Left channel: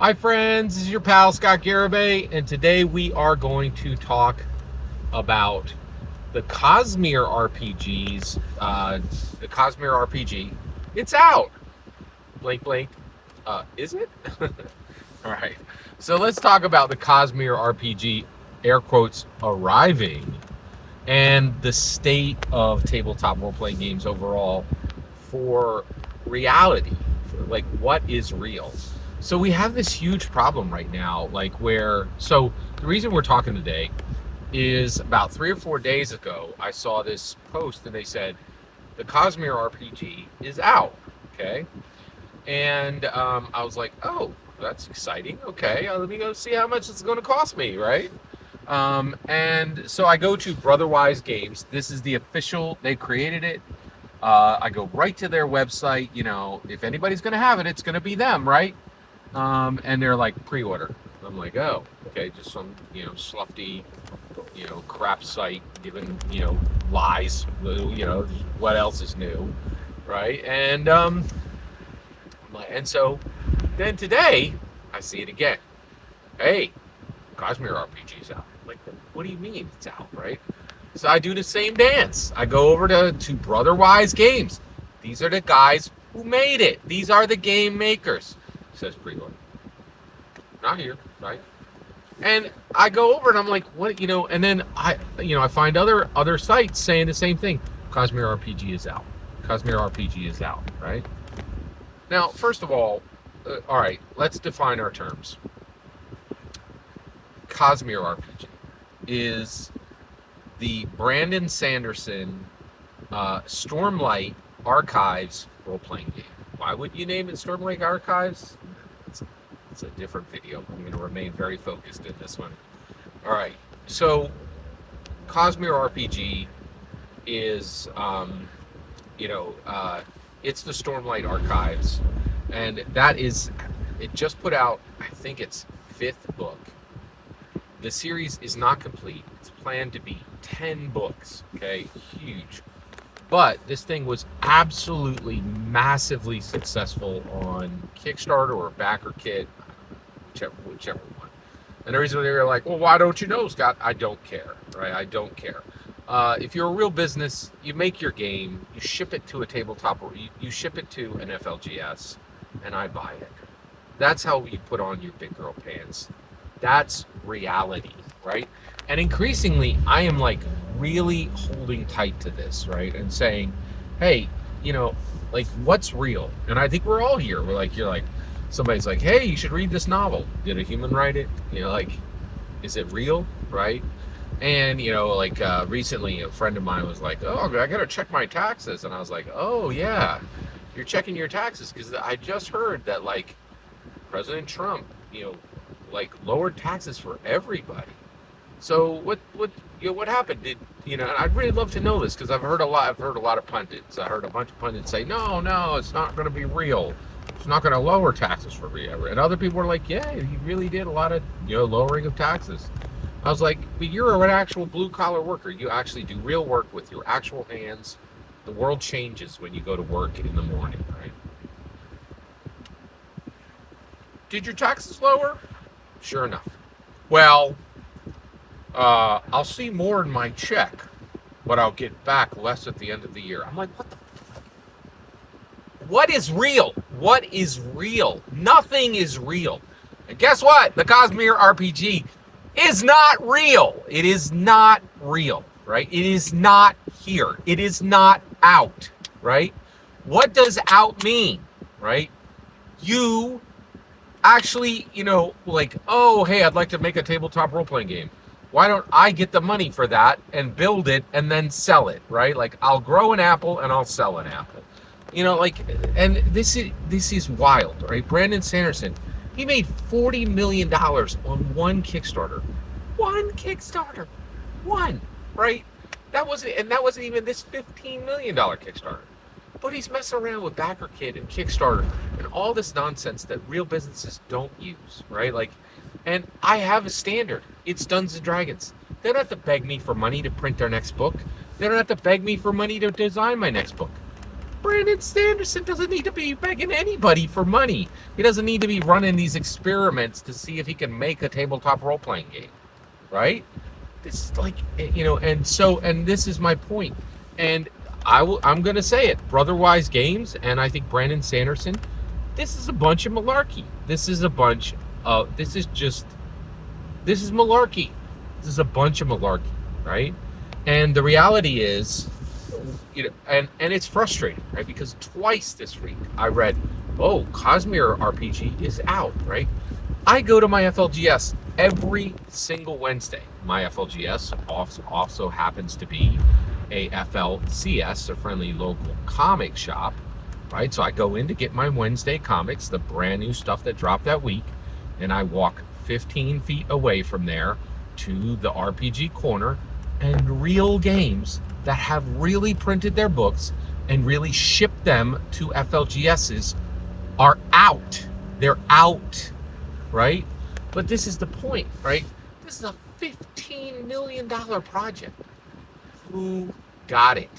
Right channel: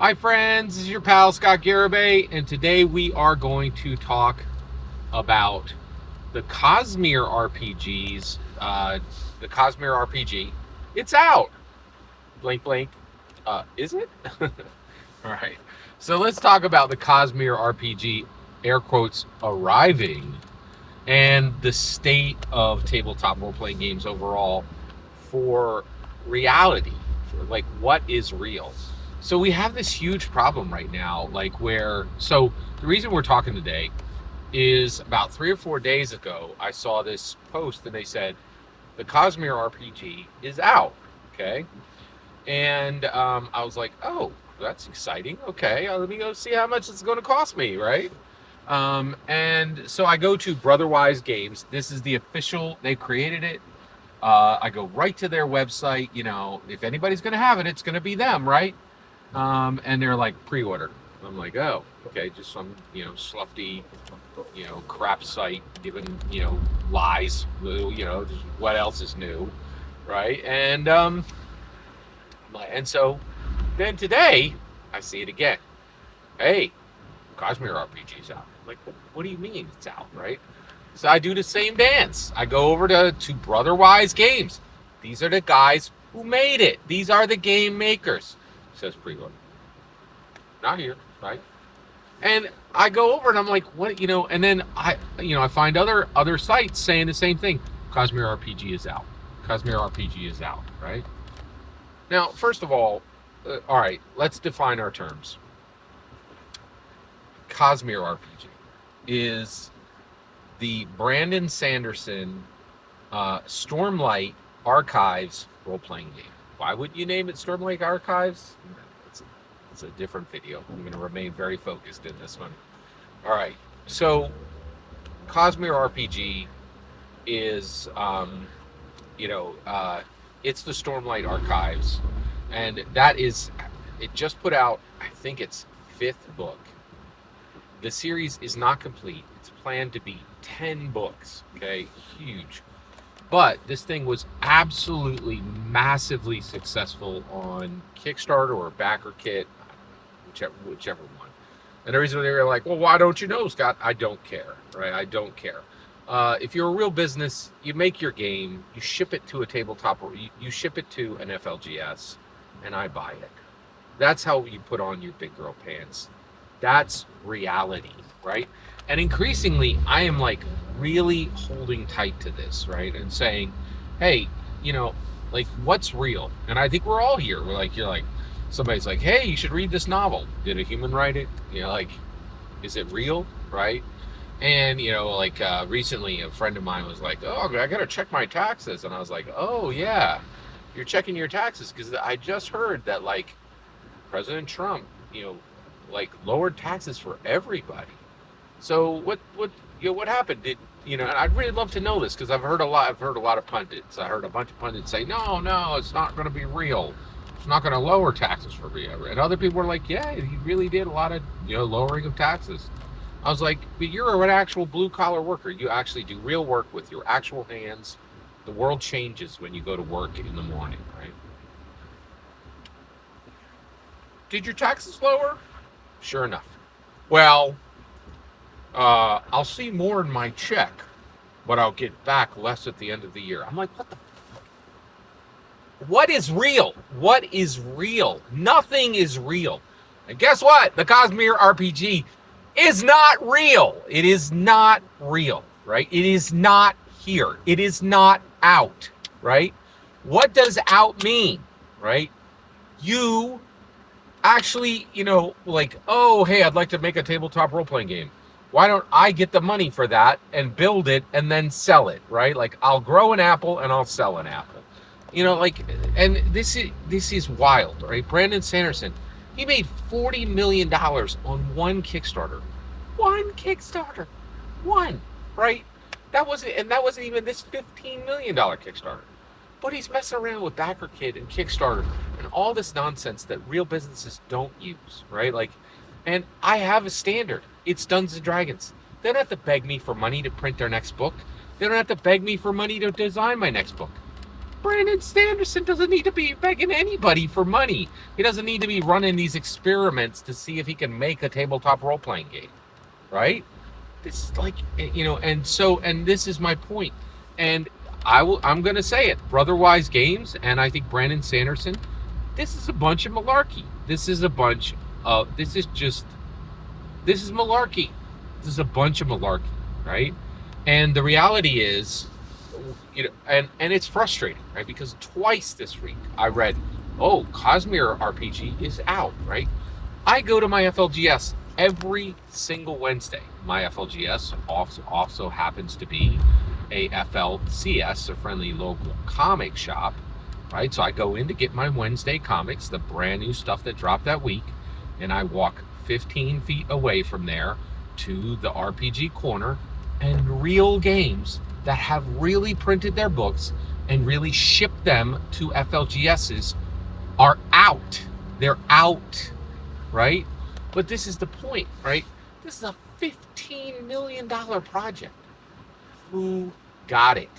Hi friends, this is your pal Scott Garibay, and today we are going to talk about the Cosmere RPGs. The Cosmere RPG, it's out. Blink, blink. Is it? All right. So let's talk about the Cosmere RPG, air quotes, arriving, and the state of tabletop role-playing games overall for reality, for like what is real. So we have this huge problem right now, so the reason we're talking today is about 3 or 4 days ago, I saw this post and they said the Cosmere RPG is out. Okay. And I was like, oh, that's exciting. Okay, let me go see how much it's going to cost me, right? And so I go to Brotherwise Games. This is the official, they created it. I go right to their website. If anybody's going to have it, it's going to be them, right? And they're like, pre-order. I'm like, oh, okay, just some, slufty, crap site giving, lies, what else is new, right? And so then today I see it again. Hey, Cosmere RPG's out. I'm like, what do you mean it's out, right? So I do the same dance. I go over to Brotherwise Games. These are the guys who made it. These are the game makers. It says pre-order. Not here, right? And I go over and I'm like, what, and then I find other sites saying the same thing. Cosmere RPG is out. Cosmere RPG is out, right? Now, first of all right, let's define our terms. Cosmere RPG is the Brandon Sanderson Stormlight Archives role-playing game. Why would you name it Stormlight Archives? It's a different video. I'm going to remain very focused in this one. All right, so Cosmere RPG is, it's the Stormlight Archives, and it just put out, I think it's 5th book. The series is not complete. It's planned to be 10 books, okay? Huge. But this thing was absolutely massively successful on Kickstarter or Backer Kit, whichever one. And the reason they're like, well, why don't you know, Scott? I don't care, right? I don't care. If you're a real business, you make your game, you ship it to a tabletop, or you ship it to an FLGS, and I buy it. That's how you put on your big girl pants. That's reality, right? And increasingly, I am like really holding tight to this, right? And saying, hey, what's real? And I think we're all here. You're like, somebody's like, hey, you should read this novel. Did a human write it? Is it real, right? And, recently a friend of mine was like, oh, I got to check my taxes. And I was like, oh, yeah, you're checking your taxes because I just heard that, President Trump, lowered taxes for everybody. So what happened? And I'd really love to know this because I've heard a lot of pundits. I heard a bunch of pundits say, no, it's not going to be real. It's not going to lower taxes for me. And other people were like, yeah, he really did a lot of, lowering of taxes. I was like, but you're an actual blue collar worker. You actually do real work with your actual hands. The world changes when you go to work in the morning, right? Did your taxes lower? Sure enough. Well, I'll see more in my check, but I'll get back less at the end of the year. I'm like, what the fuck? What is real? What is real? Nothing is real. And guess what? The Cosmere RPG is not real. It is not real, right? It is not here. It is not out, right? What does out mean, right? You actually, oh, hey, I'd like to make a tabletop role-playing game. Why don't I get the money for that and build it and then sell it, right? I'll grow an apple and I'll sell an apple. And this is wild, right? Brandon Sanderson, he made $40 million on one Kickstarter. One Kickstarter. One, right? That wasn't even this $15 million Kickstarter. But he's messing around with BackerKit and Kickstarter and all this nonsense that real businesses don't use, right? And I have a standard. It's Dungeons and Dragons. They don't have to beg me for money to print their next book. They don't have to beg me for money to design my next book. Brandon Sanderson doesn't need to be begging anybody for money. He doesn't need to be running these experiments to see if he can make a tabletop role-playing game, right? This is like, and this is my point. And I'm going to say it. Brotherwise Games, and I think Brandon Sanderson, this is a bunch of malarkey. This is malarkey. This is a bunch of malarkey, right? And the reality is, and it's frustrating, right? Because twice this week I read, oh, Cosmere RPG is out, right? I go to my FLGS every single Wednesday. My FLGS also happens to be a FLCS, a friendly local comic shop, right? So I go in to get my Wednesday comics, the brand new stuff that dropped that week, and I walk 15 feet away from there to the RPG corner, and Real Games that have really printed their books and really shipped them to FLGSs are out. They're out, right? But this is the point, right? This is a $15 million project. Who got it?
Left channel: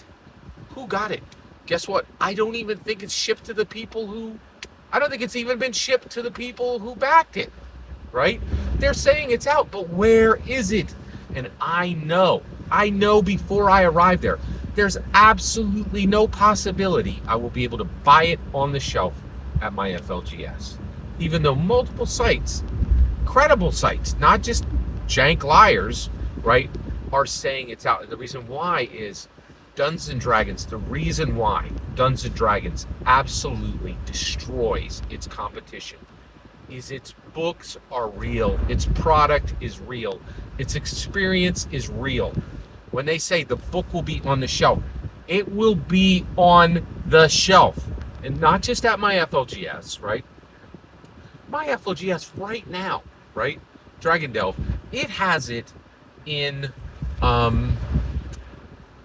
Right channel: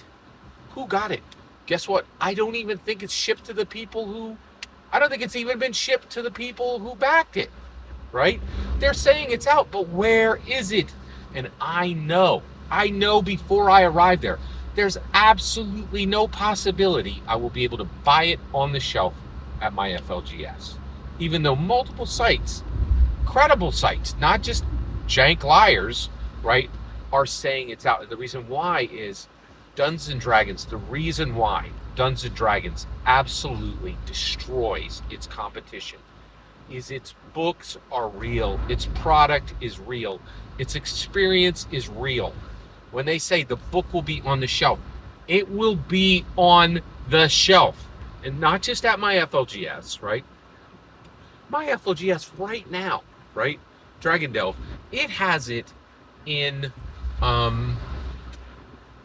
Who got it? Guess what? I don't even think it's shipped to the people I don't think it's even been shipped to the people who backed it, right? They're saying it's out, but where is it? And I know before I arrive there, there's absolutely no possibility I will be able to buy it on the shelf at my FLGS. Even though multiple sites, credible sites, not just jank liars, right, are saying it's out. And the reason why is Dungeons and Dragons, the reason why Dungeons and Dragons absolutely destroys its competition is its books are real, its product is real, its experience is real. When they say the book will be on the shelf, it will be on the shelf. And not just at my FLGS, right? My FLGS right now, right? Dragon Delve, it has it in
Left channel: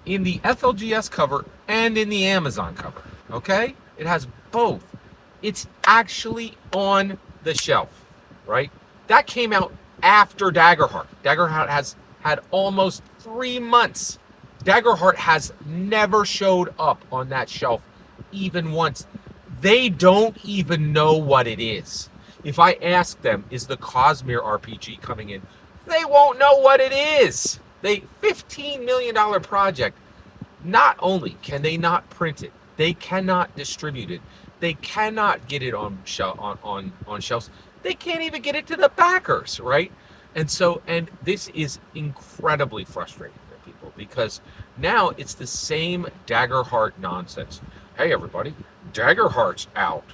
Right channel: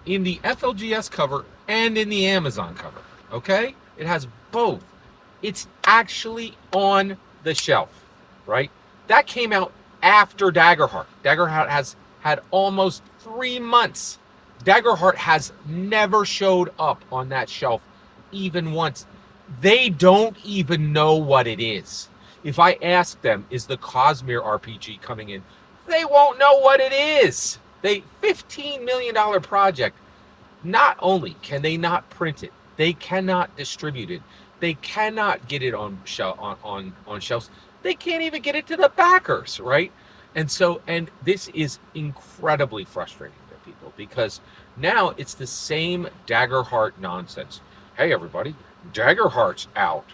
the FLGS cover and in the Amazon cover, okay? It has both. It's actually on the shelf, right? That came out after Daggerheart. Daggerheart has had almost 3 months. Daggerheart has never showed up on that shelf even once. They don't even know what it is. If I ask them, is the Cosmere RPG coming in? They won't know what it is. $15 million project. Not only can they not print it, they cannot distribute it. They cannot get it on shelves. They can't even get it to the backers, right? And this is incredibly frustrating for people because now it's the same Daggerheart nonsense. Hey, everybody, Daggerheart's out.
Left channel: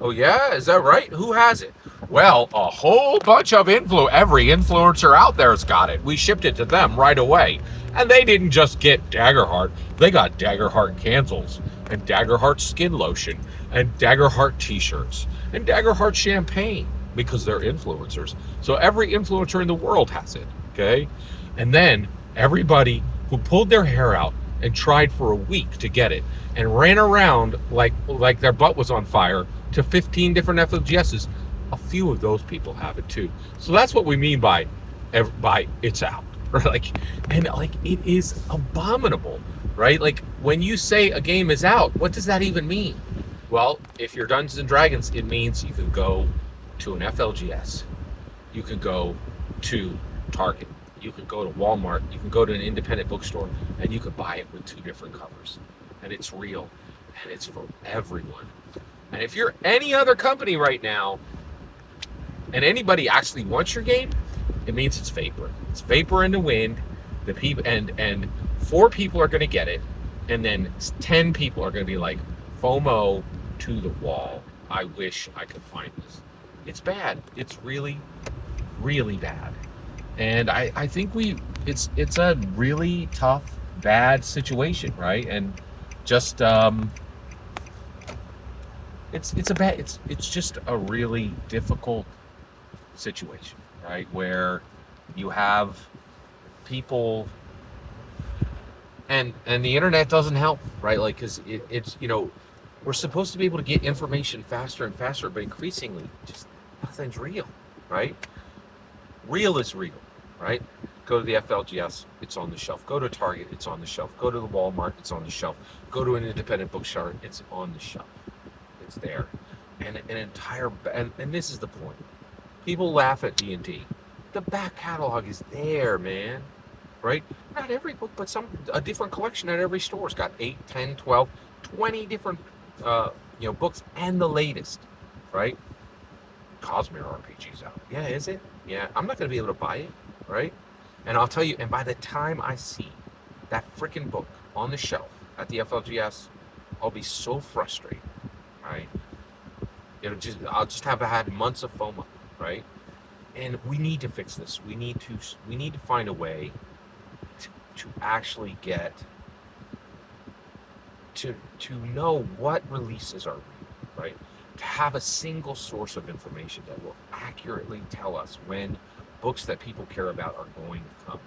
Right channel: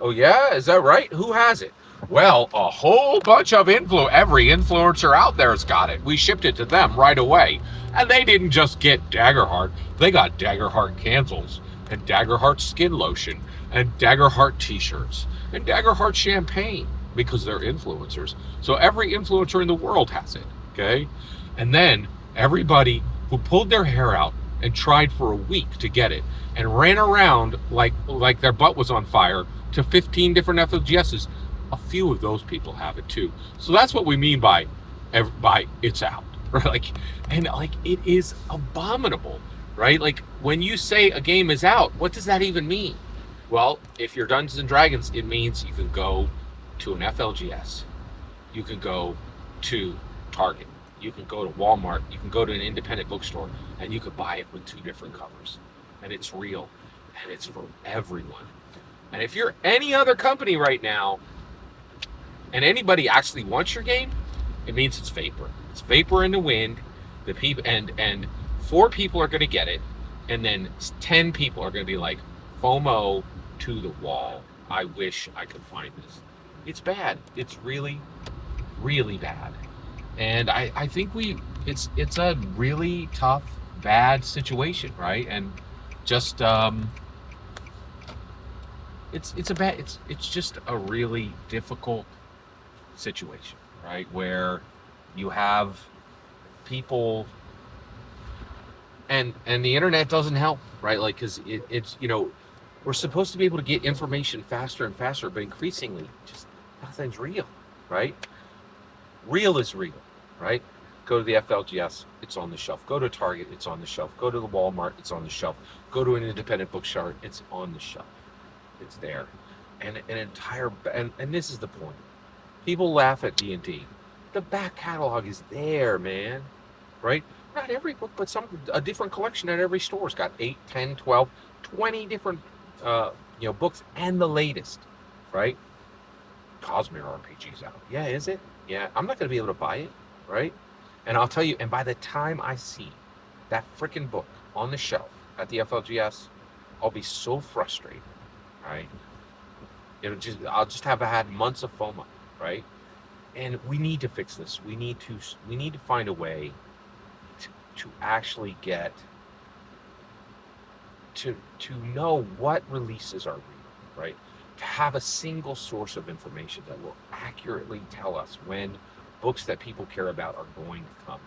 Oh, yeah? Is that right? Who has it? Well, a whole bunch of every influencer out there's got it. We shipped it to them right away. And they didn't just get Daggerheart. They got Daggerheart candles and Daggerheart skin lotion and Daggerheart t-shirts and Daggerheart champagne because they're influencers. So every influencer in the world has it, okay? And then everybody who pulled their hair out and tried for a week to get it and ran around like their butt was on fire to 15 different FLGSs, a few of those people have it too. So that's what we mean by it's out, right? It is abominable, right? Like when you say a game is out, what does that even mean? Well, if you're Dungeons and Dragons, it means you can go to an FLGS, you can go to Target, you can go to Walmart, you can go to an independent bookstore, and you can buy it with 2 different covers. And it's real, and it's for everyone. And if you're any other company right now, and anybody actually wants your game, it means it's vapor. It's vapor in the wind. The people and 4 people are going to get it, and then 10 people are going to be like, FOMO to the wall. I wish I could find this. It's bad. It's really, really bad. And I think it's a really tough, bad situation, right? And just it's just a really difficult situation, right? Where you have people and the internet doesn't help, right? Like, because it's we're supposed to be able to get information faster and faster, but increasingly just nothing's real, right? Real is real, right? Go to the FLGS, it's on the shelf. Go to Target, it's on the shelf. Go to the Walmart, it's on the shelf. Go to an independent bookstore, it's on the shelf. It's there. And an entire, and this is the point. People laugh at D&D. The back catalog is there, man. Right? Not every book, but a different collection at every store. It's got 8, 10, 12, 20 different books and the latest. Right? Cosmere RPG's out. Yeah, is it? Yeah, I'm not going to be able to buy it, right? And I'll tell you, and by the time I see that freaking book on the shelf at the FLGS, I'll be so frustrated, right? I'll just have had months of FOMO, right? And we need to fix this. We need to find a way to actually get to know what releases are real, right? To have a single source of information that will accurately tell us when books that people care about are going to come.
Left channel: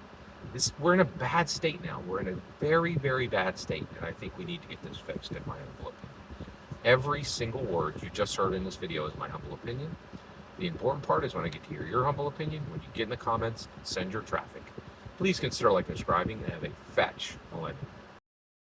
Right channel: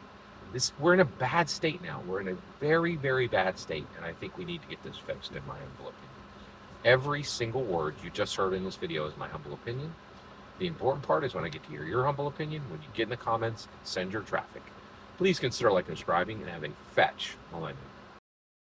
We're in a bad state now. We're in a very, very bad state, and I think we need to get this fixed, in my humble opinion. Every single word you just heard in this video is my humble opinion. The important part is when I get to hear your humble opinion, when you get in the comments, send your traffic. Please consider liking and subscribing, and have a fetch millennium.